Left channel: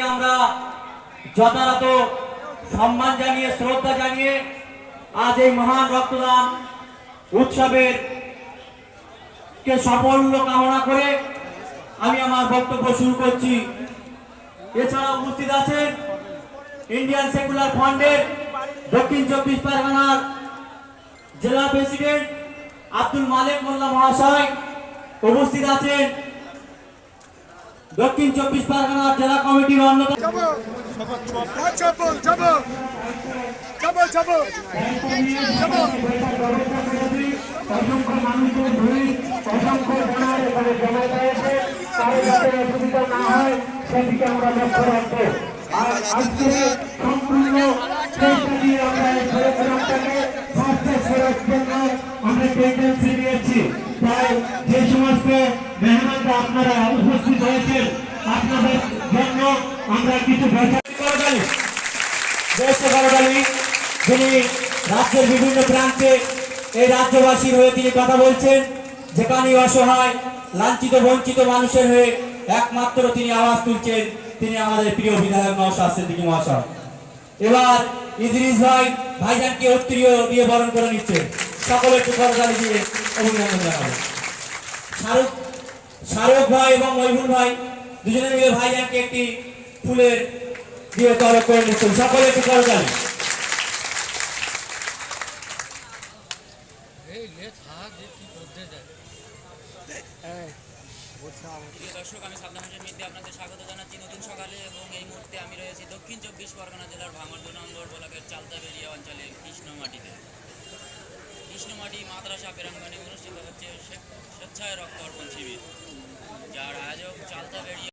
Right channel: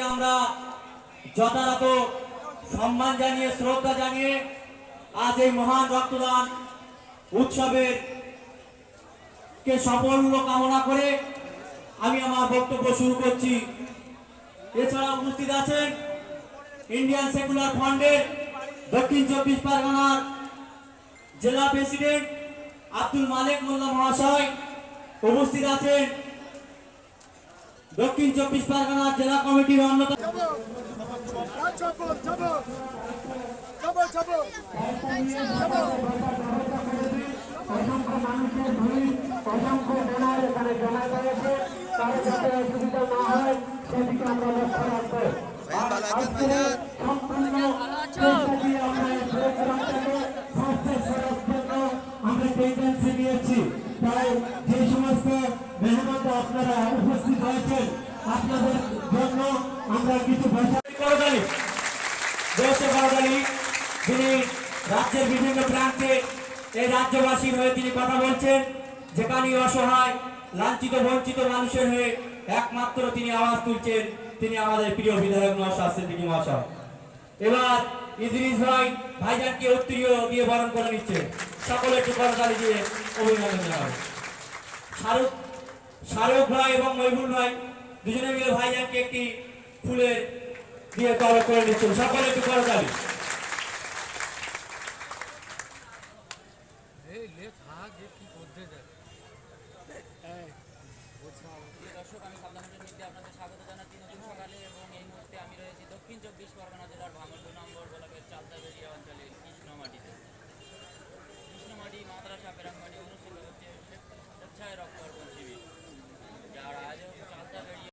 আমরা যথাযথ সম্মান জানিয়ে, শ্রদ্ধা জানিয়ে আজ এই মহান রক্তদান উৎসবের কে সাফল্য কামনা করে আমি আমার বক্তব্য শুরু করছি। এছাড়া উপস্থিত আছেন ইন্ডিয়ান সেকুলার ফান্ডের দক্ষিণ চব্বিশ পরগনার জেলা প্রেসিডেন্ট আব্দুল মালিক মোল্লা মহাশয়। উপস্থিত আছেন দক্ষিণ চব্বিশ পরগনার জেলা কমিটির অন্যতম আমরা টেন্ডেন্সি নিয়েছি। তাই যে সমস্ত আপনারা উপস্থিত হয়েছেন। আপনাদের জন্য আমরা কিছু যিনি রাজ্যের বিভিন্ন প্রান্তে এই রাজ্যবাসীর হয়ে তিনি কথা বলছেন, যেখানেই অসহায়, লাঞ্ছিত, বঞ্চিত মানুষের হয়ে একমাত্র তিনি আওয়াজ তুলছেন, তিনি আমাদের প্রিয় বিধায়ক মহাশয় সিদ্দিকী মহাশয়। এবার ইদ্রিস ভাই ভাইজানকে উত্তরীয় দিয়ে বরণ করে নিচ্ছে। সকলে একটু করতালি দিয়ে অভিনন্দন জানাব শাহরুখ শাহরুখ ভাই এবং মহিবুল ভাই, দুজনে মিলে ভাইজানকে একটি ফুলের দিয়ে তরক করে সকলে একটু জানাচ্ছি নতুন সকালে এবং এই মুহূর্তে আমি রয়েছি দক্ষিণ চব্বিশ পরগনা জেলার দু ব্লকের অঞ্চলে কৃষ্ণমাটিতে কৃষ্ণমাটি মাদ্রাসা প্রাঙ্গণে অনুষ্ঠিত হচ্ছে স্বেচ্ছায় রক্ত অর্পণ শিবির। यार आज वो चलता वीडियो।